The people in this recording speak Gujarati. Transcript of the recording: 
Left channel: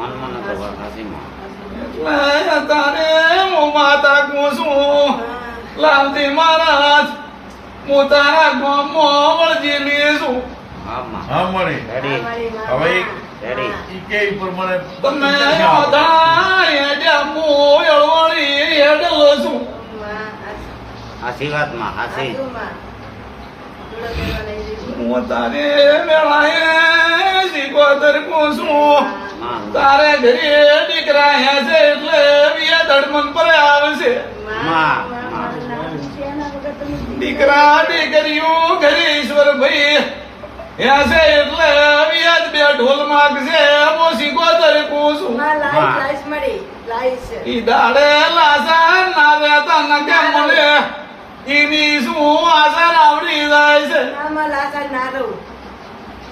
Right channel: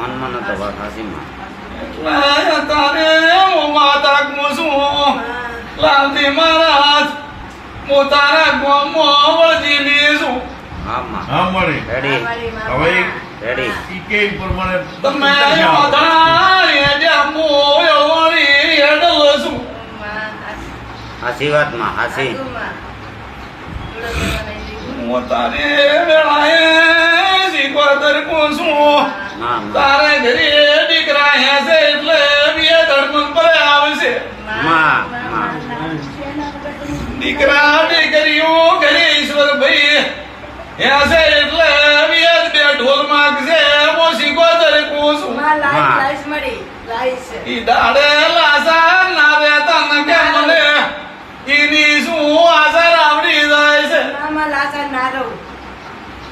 મન મન તો વાત હાચી માં. એટલે તારે હું માતા કુસુમ લાલજી મહારાજ હું તારા ગામમાં વળજીની છું. હા હા મળી. રેડી હવે રેડી ઈ કે પ્રમાણે તમે બધા હેડ્યા હું એળોળી હેડલ છું. હાચી વાતમાં હાચી હું તારે હું છું તારે ઘરે દીકરા હે છે એટલે બે ધડમન પર આવશે દીકરા દીકરીઓ ઘરે ઈશ્વર ભાઈ હે એટલે વ્યાજ બે ઢોલ માગશે મોસી ગોદર કોસું ઈ દાડે લાસા ના રે તન કે મને. ઈની શું આસર આવડી જાય છે. લાસા ના રહું.